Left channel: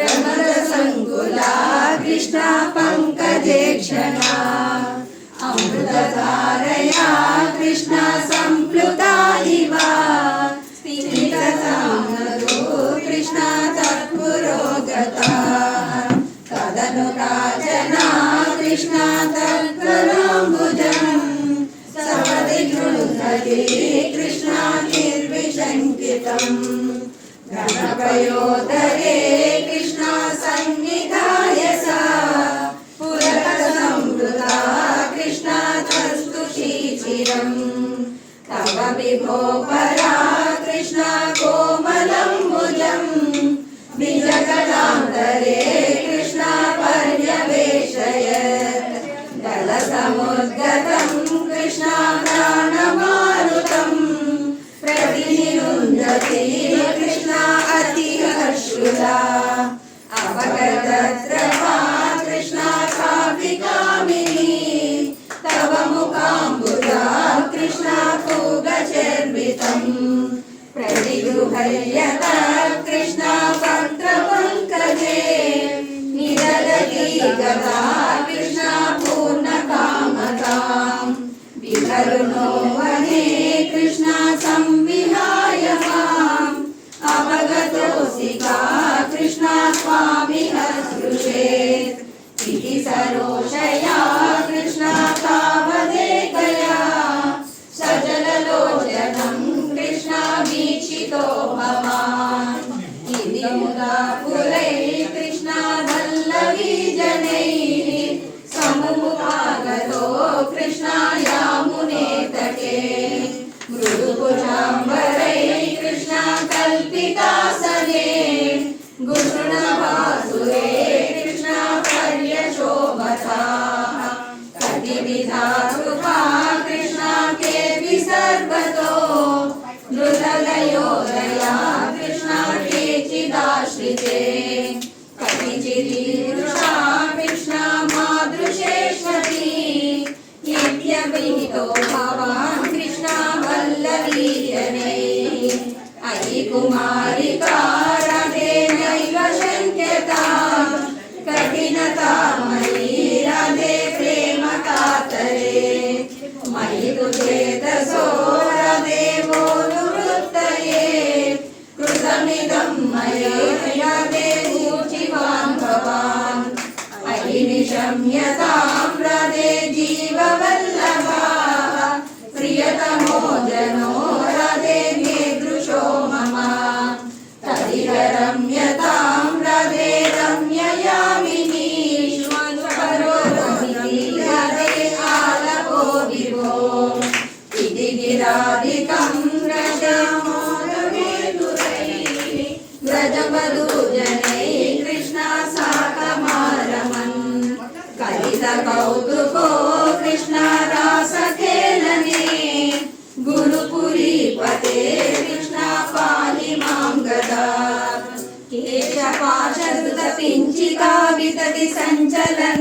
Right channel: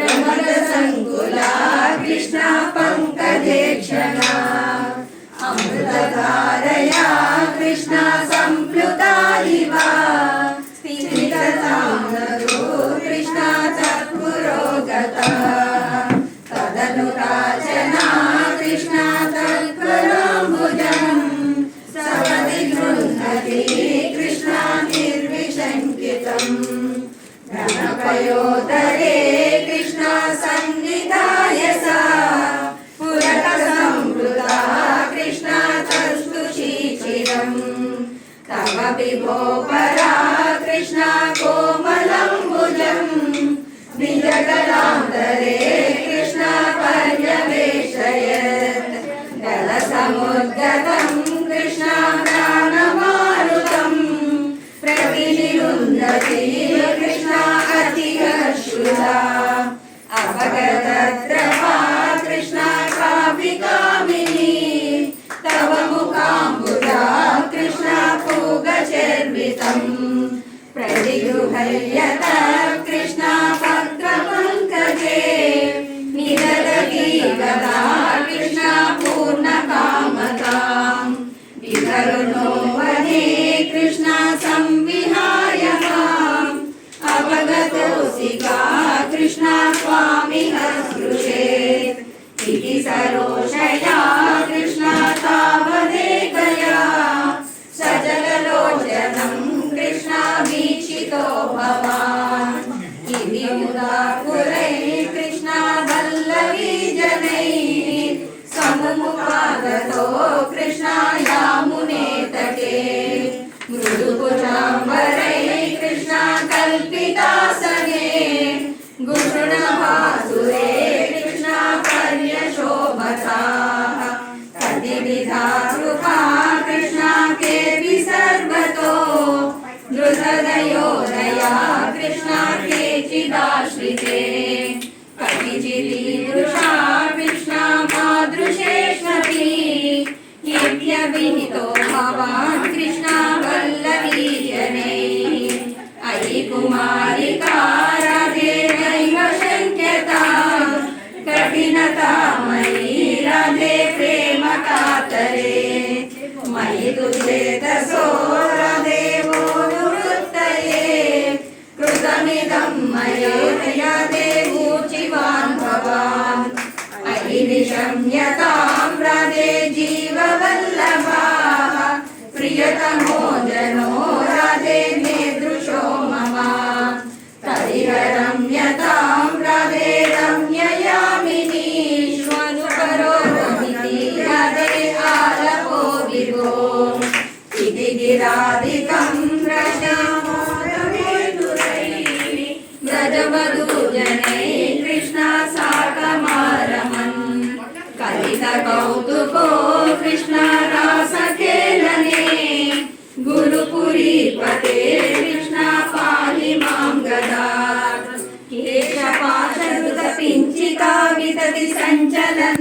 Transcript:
प्रमद संकुला कृष्णा पंकजे क्षणा अमृतधारया कृष्णा संप्लुता इव स्थितसाम्नतो कृष्णा तत्पुरोगता तदनुराजना कृष्णा तत्कराम्बुजम् सपदि गृह्णति कृष्णा निर्विशङ्कितम् गणपयोदरे कृष्णा संविधाय सा पुरकसंवृता कृष्णा तस्तुषीचिरम् तव विभो परा कृष्णा कोमलम्बुजम् निजगदान्तरे कृष्णा पर्यवेशयत् जलसमुद्गतं कृष्णा प्राणमारुतम् प्रतिनिरुन्धति कृष्णा अतिहर्षुला अपगतद्रवा कृष्णा कामिनी तव मुखाम्बुजा कृष्णा पूगचर्वितम् प्रतिगृह्यत कृष्णा पत्रपङ्कजे निददति गदा कृष्णा पूर्णकामताम् विकरुणो वने कृष्णा संविहाय माम् अवगतोऽसिका कृष्णा स्वामिह स्पृशेत् इति सरोषया कृष्णा तावदेकया सजललोचनं कृष्णा वीक्षितो भवान् इति मुदा पुरैः कृष्णा वल्लवी जनैः समुमुखागतो कृष्णा यामुने तटे मृदुभुजाम्बरैः कृष्णा कल्पितासने गुरुणभासुरे कृष्णा पर्यशोभता कतिविधा कृपा कृष्णा केऽपि सर्वतो नृहृदयोदया कृष्णा केचिदाश्रिते कतिचिदीदृशा कृष्णा मादृशेष्वपि इत्यभिहितो भवान् कृष्णा वल्लवीजने अयि कुमारिका राधे नैव शक्यता कठिनता मयि राधे प्रेम कातरे मयि तु चेतसो राधे वो निवृत्तये कृतमिदं मया राधे ऊर्जिवान् भवान् अयि निशम्यतां राधे जीववल्लभा प्रियतमो जनो राधे मे दृशो मम करिहरम्यतां राधे रम्ययामिनी स्वरूपमिति राधे आलपो विभो इति गिरादिकं व्रजवधूजनैः कृष्णा साकमारमन् कलितकौतुको कृष्णा रासखेलने गुरुपुरीपते कृष्णा पाहि मां गदात् केशपाशधृतपिञ्चिका वितति सञ्चलन्